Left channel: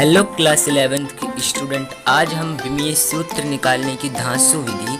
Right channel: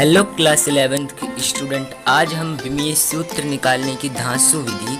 Hello class 11th के student, आज हम विमीय सूत्र निकालने की धांसू विधि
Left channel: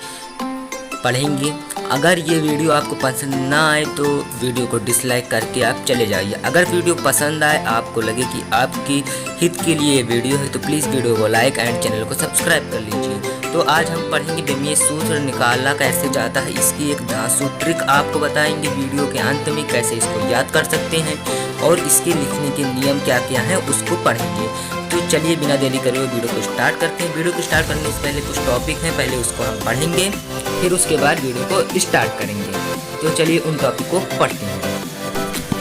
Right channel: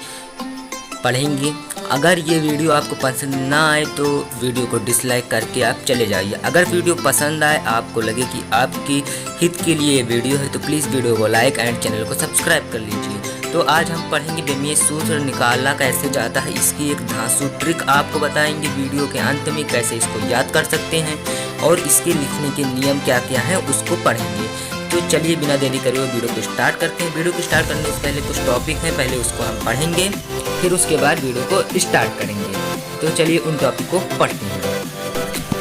पढ़ेंगे। अगर ये वीडियो आपको पसंद ना आए तो वीडियो को डिसलाइक करके आप चले जाइए। अगर वीडियो पसंद आए, आपको लगे कि आपकी हित के लिए ये वीडियो है, तो प्लीज़ वीडियो को लाइक एंड चैनल को सब्सक्राइब कर लीजिए। तो आज हम पढ़ेंगे विमीय सूत्र निकालना कैसे जाता है, इसकी एक धांसू ट्रिक आपको बताएंगे वीडियो के अंत में, कैसे इसको याद कर सकते हैं और इसके लिखने के नियम क्या क्या हैं उसको पढ़ेंगे। तो चलिए बिना देरी करे हुए वीडियो को स्टार्ट करते हैं। वीडियो को स्टार्ट करने से पहले कुछ टॉपिक हैं, पहले उसको हम पढ़ेंगे, फिर उसके बाद वीडियो को स्टार्ट करेंगे। तो चलिए उन टॉपिक को पढ़ते हैं।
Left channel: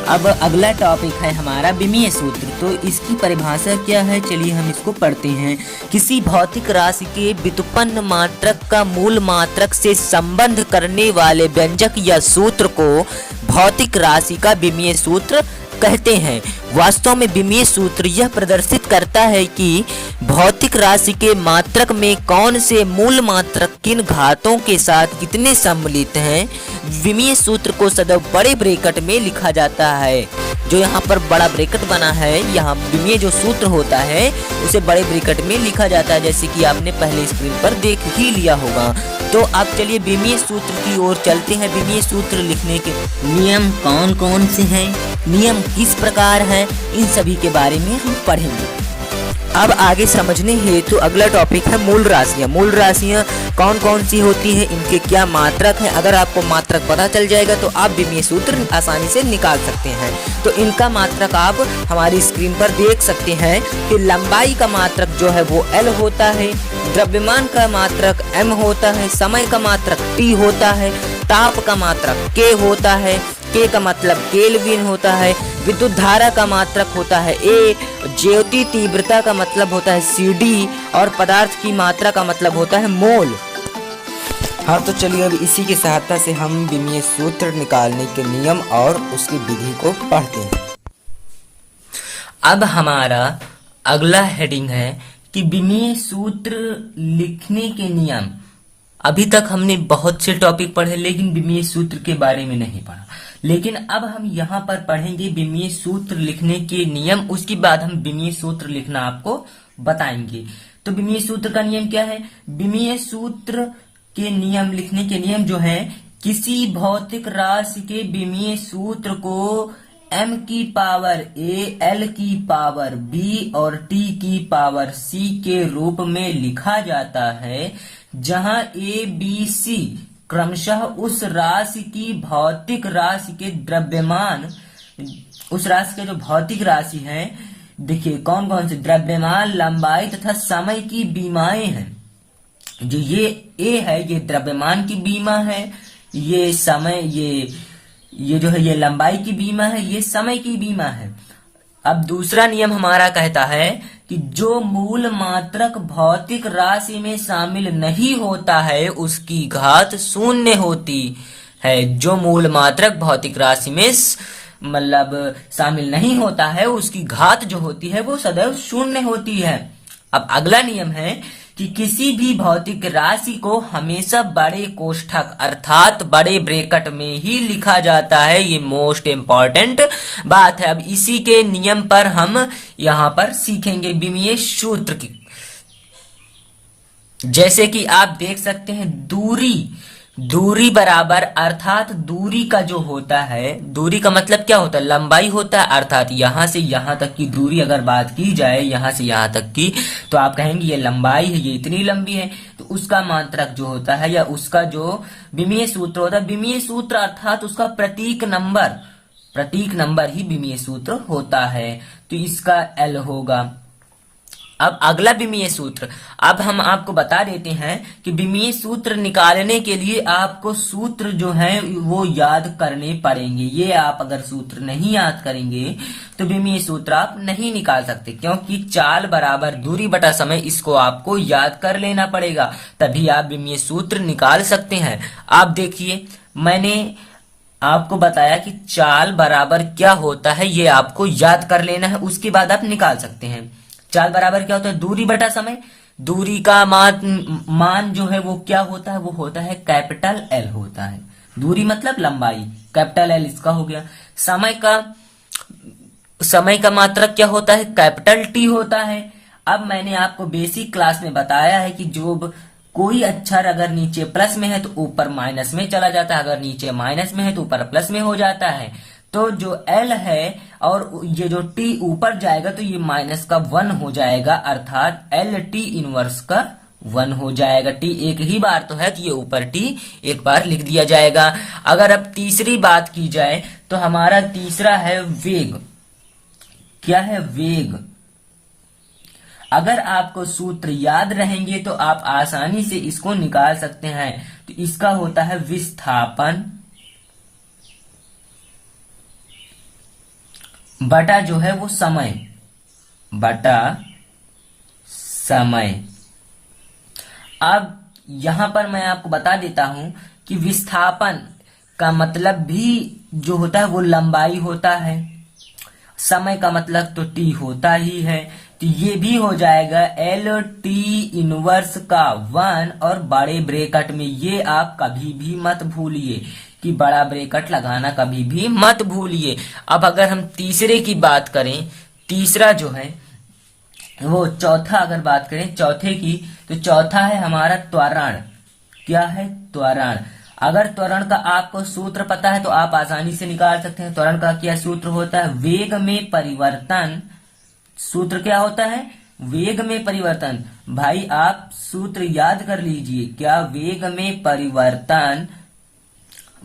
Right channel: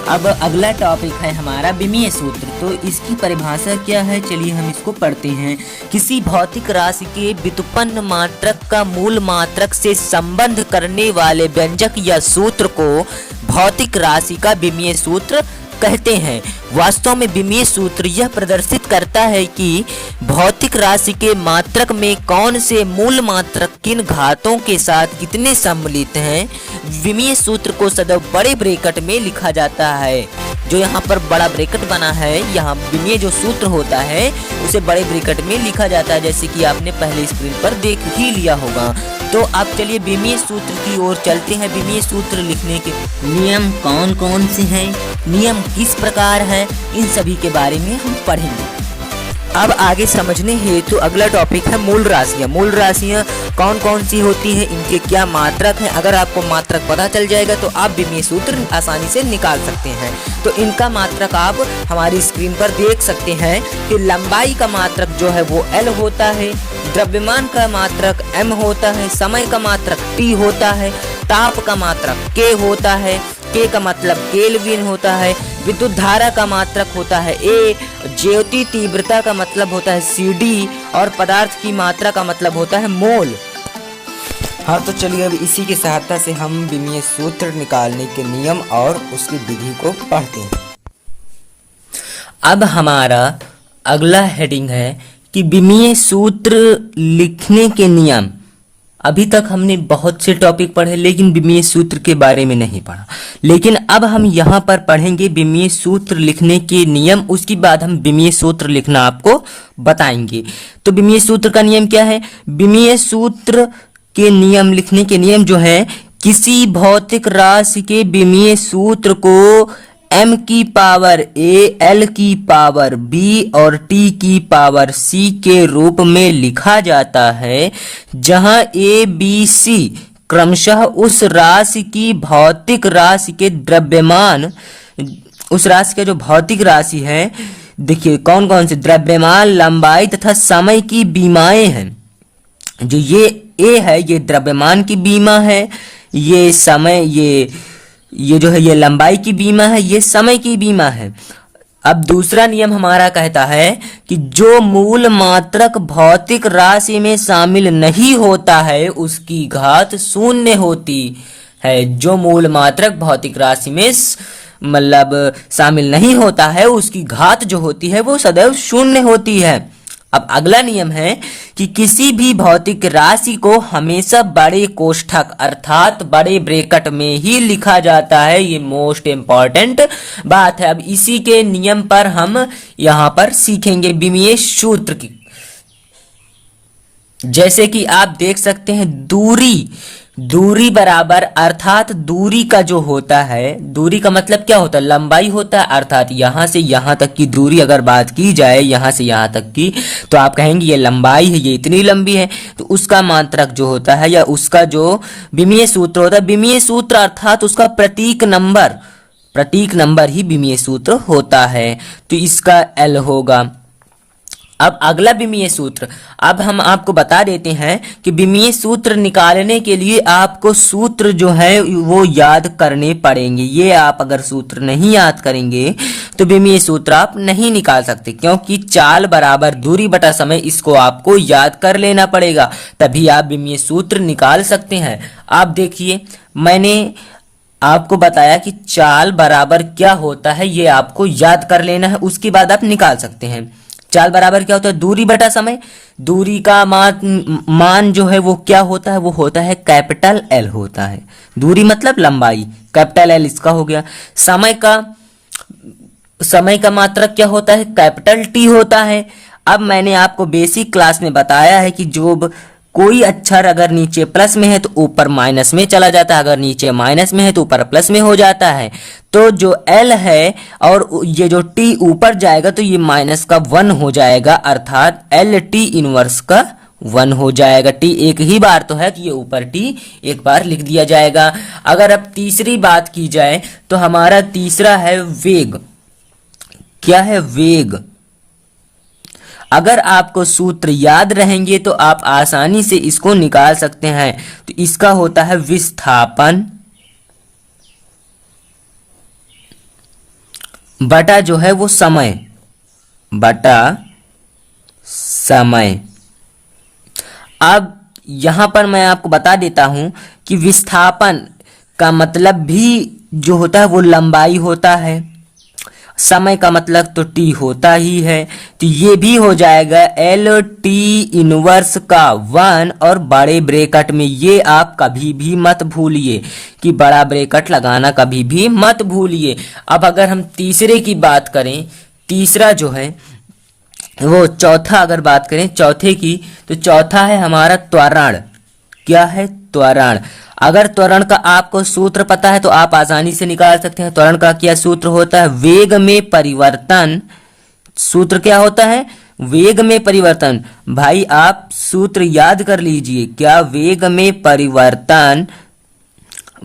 अब अगला टॉपिक है हमारा विमीय सूत्र। तो इसकी परिभाषा क्या है, चलिए हम इसको पढ़ते हैं। किसी भौतिक राशि के व्युत्पन्न मात्रक का मूल मात्रक से संबंध करने वाले व्यंजक या सूत्र को भौतिक राशि का विमीय सूत्र कहते हैं। वास्तव में विमीय सूत्र यह प्रदर्शित करता है कि भौतिक राशि के मात्रक में कौन से मूल मात्रक किन घातों के साथ कितने सम्मिलित हैं। विमीय सूत्र को सदैव बड़े ब्रैकेट में लिखा जाता है। जो यहाँ पर बड़ा ब्रैकेट बना है, यहाँ विमीय जो सूत्र होता है उसे बड़े ब्रैकेट में लिखा जाता है, जैसे कि आपने पहले स्क्रीन पर देख ही लिया होगा। तो अब चलिए विमीय सूत्र की ओर चलते हैं। विमीय सूत्र लिखने के नियम कौन कौन से हैं, नियम किस प्रकार हैं, इन सभी के बारे में हम पढ़ेंगे। अब आगे समझने हेतु अगला टॉपिक है मूल राशियाँ। मूल राशियाँ कौन कौन सी होती हैं, इनके क्या मात्रक हैं। अगर आपको मात्रक पता चल जाएगा तो आप विमीय सूत्र आसानी से निकाल सकते हैं। तो इनका मात्रक आप हमारी स्क्रीन पर देख सकते हैं कि लंबाई का मात्रक जो है वो L होता है, द्रव्यमान का मात्रक M होता है, समय का मात्रक T होता है, ताप का मात्रक K होता है, K का मतलब केल्विन होता है, विद्युत धारा का मात्रक होता है A, ज्योति तीव्रता का मतलब होता है CD और पदार्थ की मात्रा का मतलब होता है मोल। हाँ, तो चलिए अब इसी की सहायता से हम विमीय सूत्र निकालने के नियम और उसकी विधि को पढ़ते हैं। अब हमारा अगला हेडिंग है कि विमीय सूत्र लिखने के नियम। अभी तक हमने बहुत से टॉपिक पढ़े लेकिन विमीय सूत्र के बारे में नहीं पढ़ा, लेकिन अब हम यहाँ पर पढ़ेंगे विमीय सूत्र लिखने के नियम। उसके बाद हम विमीय सूत्र लिखना आपको बताएंगे। तो विमीय सूत्र का नियम क्या है? विमीय सूत्र के नियम लिखने के नियम जो है, किसी भौतिक राशि के विमीय सूत्र को m की पावर a, l की पावर b और t की पावर c के रूप में लिखा जाता है, जहां a, b, c क्रमशः उस राशि की भौतिक राशि के द्रव्यमान, उस राशि का जो भौतिक राशि है, देखिए कौन कौन से द्रव्यमान, लंबाई तथा समय की बीमाएं हैं। जो ये a है ये द्रव्यमान की बीमा है, ये समय, ये जो है ये लंबाई की बीमा है, ये समय की बीमा है। अब दूसरा नियम हमारा कहता है कि जो मूल मात्रक भौतिक राशि में शामिल नहीं होता है उसकी घात शून्य होती है। जो मूल मात्रक भौतिक राशि में मतलब शामिल नहीं होता है उसकी घात जो होती है वो सदैव शून्य होती है। अब अगला नियम है कि किसी भी भौतिक राशि को हमेशा बड़े कोष्ठक अर्थात बड़े ब्रैकेट में ही लिखा जाता है। ये मोस्ट इम्पॉर्टेंट बात है। अब इसी के नियम पर हम यहाँ पर सीखेंगे विमीय सूत्र की। जैसे कि आप देख सकते हैं, दूरी बराबर, अर्थात दूरी का जो होता है, दूरी का मतलब क्या होता है? लंबाई होता है। अर्थात यहाँ से यहाँ तक की दूरी अगर बात की जाए, यहाँ से यहाँ तक की, तो आप कहेंगे ये लंबाई है, ये इतनी लंबी है, तो उसका मात्रक जो होता है या उसका जो विमीय सूत्र होता है, विमीय सूत्र अर्थात उसका प्रतीक नंबर ही विमीय सूत्र होता है। तो इसका L होगा। अब अगला विमीय सूत्र, अब हम आपको बता देते हैं कि विमीय सूत्र निकालने के लिए आपको सूत्र जो है वो याद करने पड़ेंगे। ये आप अगर सूत्र नहीं याद करेंगे तो विमीय सूत्र आप नहीं निकाल सकते, क्योंकि चाल बराबर दूरी बटा समय, इसको आपको याद कर लेना पड़ेगा, तभी आप विमीय सूत्र निकाल सकते हैं। आप देखिए, मैंने आपको बताया कि चाल बराबर क्या होता है, ये आपको याद कर लेना है, उसके बाद आप निकाल सकते हैं। चाल बराबर क्या होता है? दूरी बटा समय। दूरी का मान जो है वो क्या होता है? वो होता है कैपिटल L होता है। दूरी मतलब लंबाई, कैपिटल L इसका हो गया। समय का मात्रक क्या होता है? कैपिटल T होता है। अब मैंने आपको बेसिक क्लास में बताया है कि जो कोई अक्षर अगर नीचे प्लस में है तो ऊपर माइनस में चला जाता है, अगर नीचे माइनस में है तो ऊपर प्लस में हो जाता है। तो जो एल है और ये जो टी ऊपर जाएगा तो ये माइनस का 1 हो जाएगा, अर्थात एल टी इनवर्स का 1 हो जाएगा। टी एक ही बार तो है तो ये ऊपर टी एक बार लिख दिया जाएगा। अगर अब तीसरी बात की जाए तो हमारा तीसरा है वेग। क्या है? वेग। अगर आपको सूत्र याद रहेंगे तो आप आसानी से इसको निकाल सकते हैं। तो इसका होता है विस्थापन बटा जो है वो समय, बटा समय। अब यहां पर मैं आपको बता देता हूं कि विस्थापन का मतलब भी जो होता है वो लंबाई होता है, समय का मतलब तो टी होता ही है। तो ये भी हो जाएगा एल टी इनवर्स का 1 और बड़े ब्रैकेट में, ये आप कभी भी मत भूलिए कि बड़ा ब्रैकेट लगाना कभी भी मत भूलिए। अब अगर हम तीसरे की बात करें, तीसरा जो है वो चौथा अगर बात करें चौथे की, तो चौथा है हमारा त्वरण। क्या है? त्वरण। अगर त्वरण का आपको सूत्र पता है तो आप आसानी से निकाल सकते हैं। त्वरण का क्या सूत्र होता है? वेग में परिवर्तन। सूत्र क्या होता है? वेग में परिवर्तन। भाई आप सूत्र याद कर लीजिए। क्या? वेग में परिवर्तन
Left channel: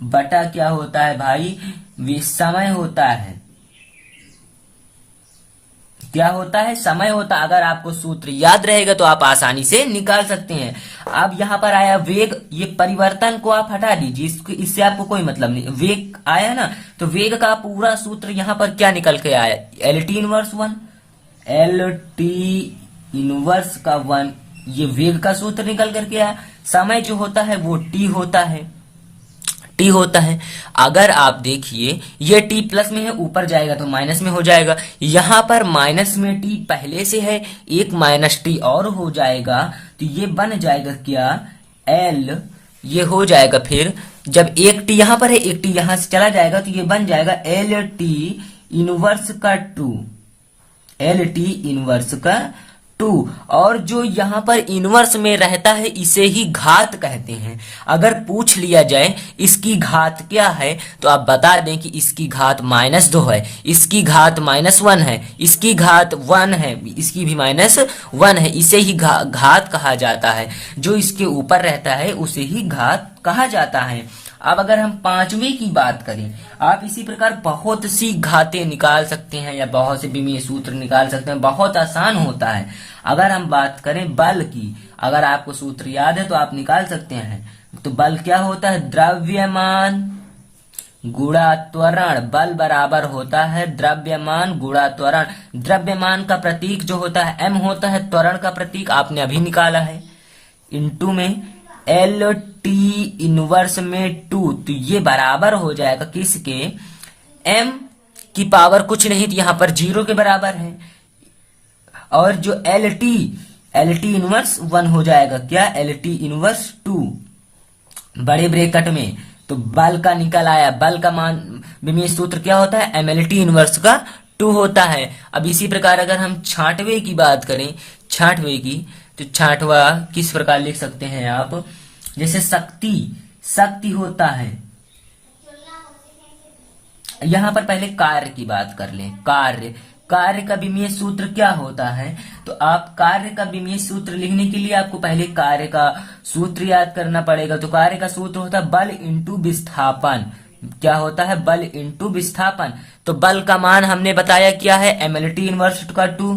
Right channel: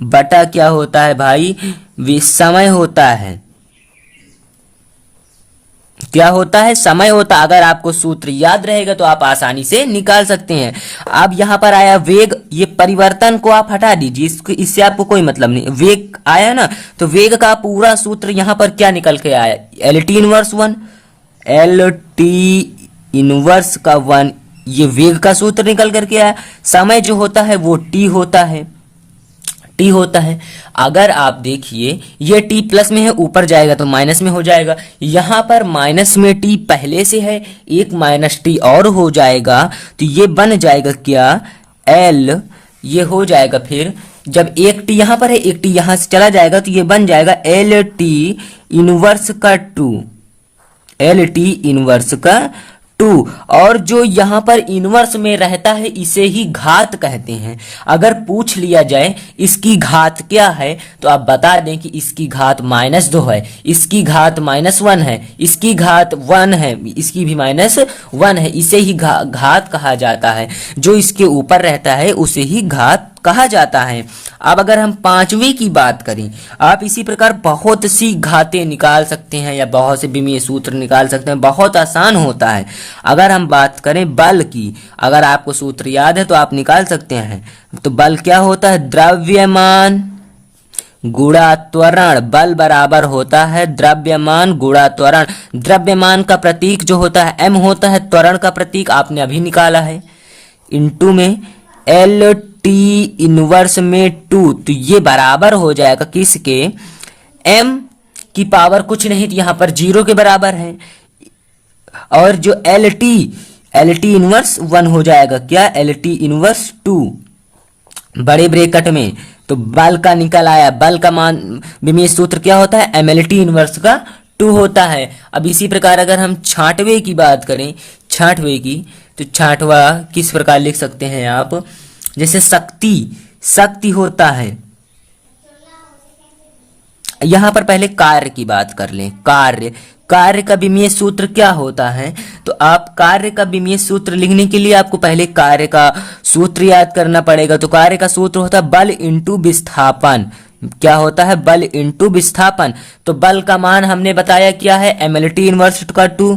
बटा क्या होता है भाई? समय होता है। क्या होता है? समय होता। अगर आपको सूत्र याद रहेगा तो आप आसानी से निकाल सकते हैं। अब यहां पर आया वेग, ये परिवर्तन को आप हटा दीजिए, इससे आपको कोई मतलब नहीं। वेग आया ना, तो वेग का पूरा सूत्र यहां पर क्या निकल के आया? L T inverse 1, L T inverse का 1, ये वेग का सूत्र निकल करके आया। समय जो होता है वो टी होता है, टी होता है। अगर आप देखिए ये टी प्लस में है, ऊपर जाएगा तो माइनस में हो जाएगा। यहां पर माइनस में टी पहले से है, एक माइनस टी और हो जाएगा, तो ये बन जाएगा क्या? एल। ये हो जाएगा फिर जब एक टी यहां पर है, एक टी यहां से चला जाएगा तो ये बन जाएगा एल टी इनवर्स का 2, एल टी इनवर्स का 2। और जो यहां पर इनवर्स में रहता है इसे ही घात कहते हैं। अगर पूछ लिया जाए इसकी घात क्या है तो आप बता दें कि इसकी घात -2 है, इसकी घात -1 है, इसकी घात 1 है, इसकी भी -1 है। इसे ही घात कहा जाता है। जो इसके ऊपर रहता है उसे ही घात कहा जाता है। अब अगर हम पांचवी की बात करें, आप इसी प्रकार बहुत सी घातें निकाल सकते हैं या बहुत से विमीय सूत्र निकाल सकते हैं, बहुत आसान होता है। अगर हम बात करें बल की, अगर आपको सूत्र याद है तो आप निकाल सकते हैं। तो बल क्या होता है? द्रव्यमान गुणा त्वरण। बल बराबर होता है द्रव्यमान गुणा त्वरण। द्रव्यमान का प्रतीक जो होता है m होता है, त्वरण का प्रतीक आपने अभी निकाला है, इंटू में एल टी इनवर्स में 2। तो ये बराबर हो जाएगा किसके? m की पावर कुछ नहीं तो यहां पर 0 के बराबर है। और जो एल टी इनवर्स 1 हो जाएगा। क्या? एल टी इनवर्स 2 बड़े ब्रैकेट में। तो बल का निकल आया। बल का मान विमीय सूत्र क्या होता है? एम एल टी इनवर्स का 2 होता है। अब इसी प्रकार अगर हम छांटवे की बात करें, छांटवे की, तो छांटवा किस प्रकार लिख सकते हैं आप? जैसे शक्ति होता है। यहां पर पहले कार्य की बात कर लें। कार्य का विमीय सूत्र क्या होता है? तो आप कार्य का विमीय सूत्र लिखने के लिए आपको पहले कार्य का सूत्र याद करना पड़ेगा। तो कार्य का सूत्र होता है बल इंटू विस्थापन। क्या होता है? बल इंटू विस्थापन। तो बल का मान हमने बताया क्या है? एम एल टी इनवर्स का 2,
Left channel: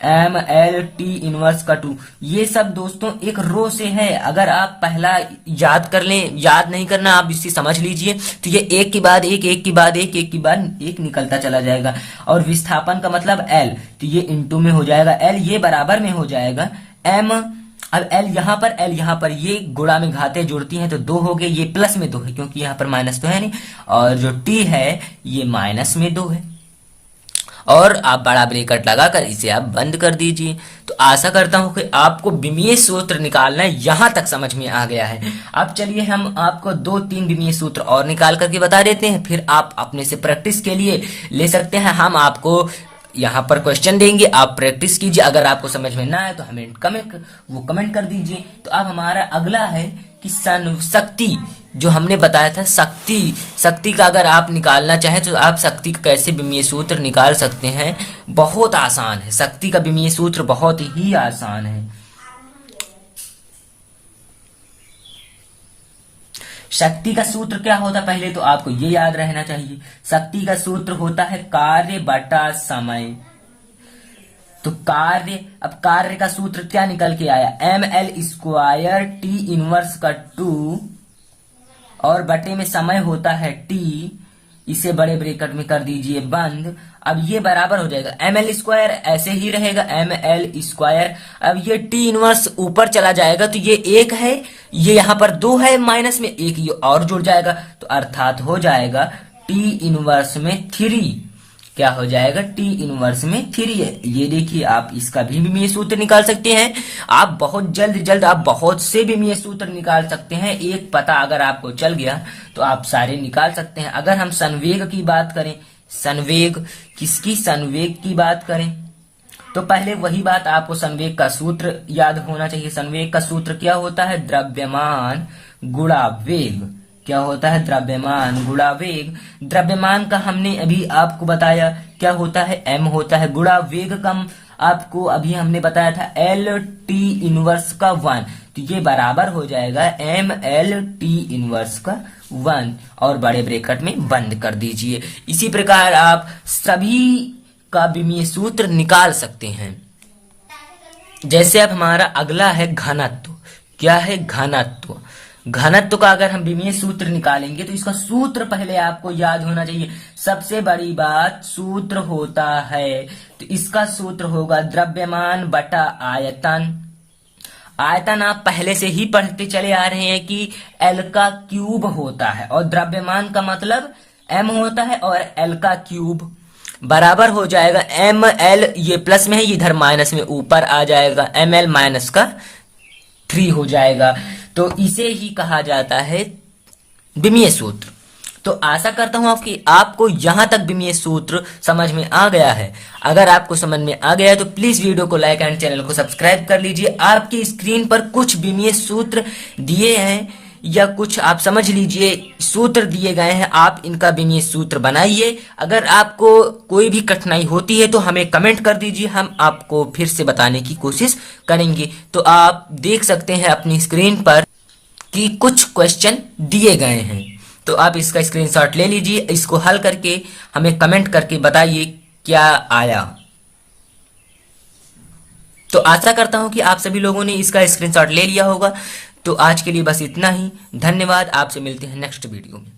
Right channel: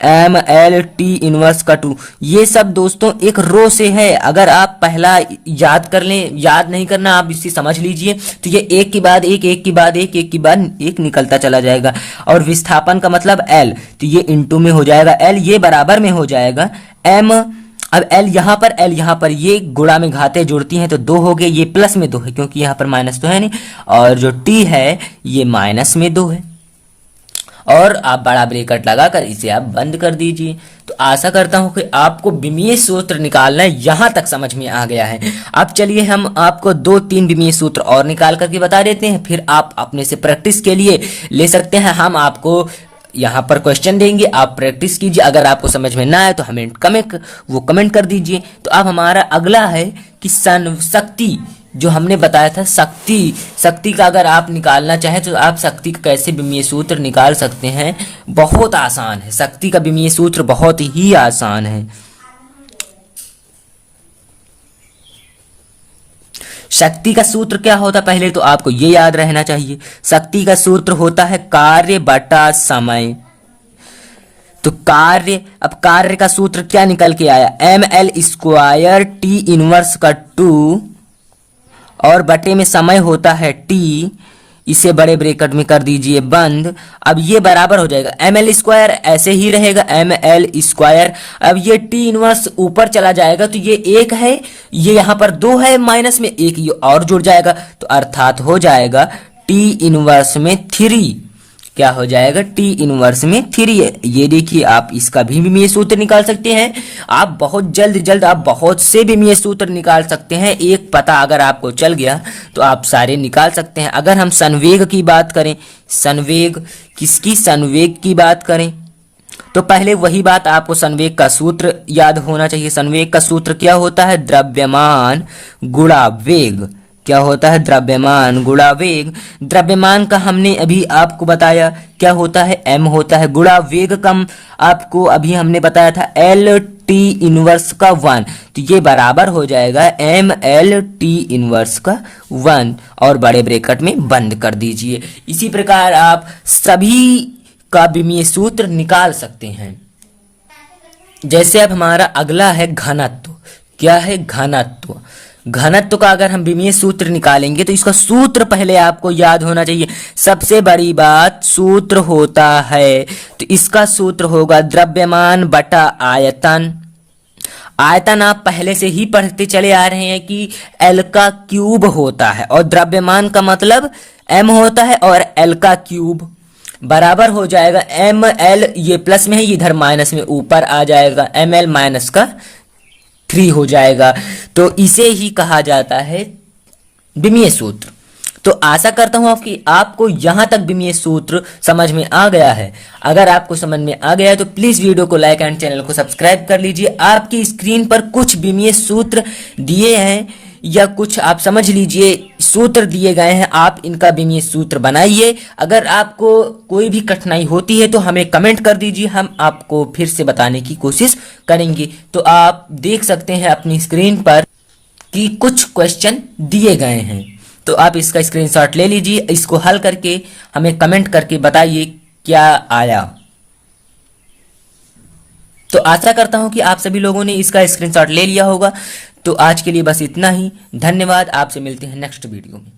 एम एल टी इनवर्स का 2। ये सब दोस्तों एक रो से है। अगर आप पहला याद कर लें, याद नहीं करना, आप इसे समझ लीजिए कि ये एक के बाद एक, एक के बाद एक, एक के बाद एक निकलता चला जाएगा। और विस्थापन का मतलब एल, तो ये इंटू में हो जाएगा एल, ये बराबर में हो जाएगा एम। अब एल यहाँ पर ये गुणा में घातें जुड़ती हैं तो 2 हो गए, ये प्लस में 2 है क्योंकि यहाँ पर माइनस तो है नहीं, और जो टी है ये माइनस में 2 है। और आप बड़ा ब्रैकेट लगाकर इसे आप बंद कर दीजिए। तो आशा करता हूं कि आपको विमीय सूत्र निकालना यहां तक समझ में आ गया है। अब चलिए हम आपको 2-3 विमीय सूत्र और निकाल करके बता देते हैं, फिर आप अपने से प्रैक्टिस के लिए ले सकते हैं। हम आपको यहाँ पर क्वेश्चन देंगे, आप प्रैक्टिस कीजिए। अगर आपको समझ में ना आए तो हमें कमेंट कर दीजिए। तो अब हमारा अगला है कि शक्ति, जो हमने बताया था शक्ति का अगर आप निकालना चाहें तो आप शक्ति का कैसे विमीय सूत्र निकाल सकते हैं। बहुत आसान है, शक्ति का विमीय सूत्र बहुत ही आसान है। शक्ति का सूत्र क्या होता, पहले तो आपको ये याद रहना चाहिए। शक्ति का सूत्र होता है कार्य बटा समय। तो कार्य का सूत्र क्या निकल के आया, ml² T इनवर्स का 2 और बटे में समय होता है T, इसे बड़े ब्रैकेट में कर दीजिए बंद। अब ये बराबर हो जाएगा ml² ऐसे ही रहेगा ml²। अब ये T इनवर्स ऊपर चला जाएगा तो ये 1 है, ये यहाँ पर 2 है, माइनस में 1 ये और जुड़ जाएगा, तो अर्थात हो जाएगा T इनवर्स में 3। क्या हो जाएगा, T इनवर्स में 3 है। ये देखिए, आप इसका भी विमीय सूत्र निकाल सकते हैं। आप बहुत जल्द आप बहुत से विमीय सूत्र निकाल सकते हैं। एक पता अगर आपको चल गया तो आप सारे निकाल सकते हैं। अगर हम संवेग की बात करें, संवेग की बात करें तो पहले वही बात, आपको संवेग का सूत्र याद होना चाहिए। संवेग का सूत्र क्या होता है, द्रव्यमान गुणा वेग। क्या होता है, द्रव्यमान गुणा वेग। द्रव्यमान का हमने अभी आपको बताया क्या होता है, m होता है, गुणा वेग का आपको अभी हमने बताया था LT इनवर्स का 1। तो ये बराबर हो जाएगा mLT इनवर्स का 1 और बड़े ब्रैकेट में बंद कर दीजिए। इसी प्रकार आप सभी का विमीय सूत्र निकाल सकते हैं। जैसे अब हमारा अगला है घनत्व। क्या है, घनत्व। घनत्व का अगर हम विमीय सूत्र निकालेंगे तो इसका सूत्र पहले आपको याद होना चाहिए। सबसे बड़ी बात सूत्र होता है, तो इसका सूत्र होगा द्रव्यमान बटा आयतन। आयतन आप पहले से ही पढ़ते चले आ रहे हैं कि L का क्यूब होता है और द्रव्यमान का मतलब M होता है और L का क्यूब बराबर हो जाएगा ml, ये प्लस में है, इधर माइनस में ऊपर आ जाएगा, ml माइनस का 3 हो जाएगा। तो इसे ही कहा जाता है विमीय सूत्र। तो आशा करता हूं आपको यहां तक विमीय सूत्र समझ में आ गया है। अगर आपको समझ में आ गया तो प्लीज वीडियो को लाइक एंड चैनल को सब्सक्राइब कर लीजिए। आपकी स्क्रीन पर कुछ विमीय सूत्र दिए हैं या कुछ आप समझ लीजिए सूत्र दिए गए हैं, आप इनका विमीय सूत्र बनाइए। अगर आपको कोई भी कठिनाई होती है तो हमें कमेंट कर दीजिए, हम आपको फिर से बताने की कोशिश करेंगे। तो आप देख सकते हैं अपनी स्क्रीन पर कि कुछ क्वेश्चन दिए गए हैं, तो आप इसका स्क्रीनशॉट ले लीजिए। इसको हल करके हमें कमेंट करके बताइए क्या आया। तो आशा करता हूं कि आप सभी लोगों ने इसका स्क्रीनशॉट ले लिया होगा। तो आज के लिए बस इतना ही। धन्यवाद, आपसे मिलते हैं नेक्स्ट वीडियो में।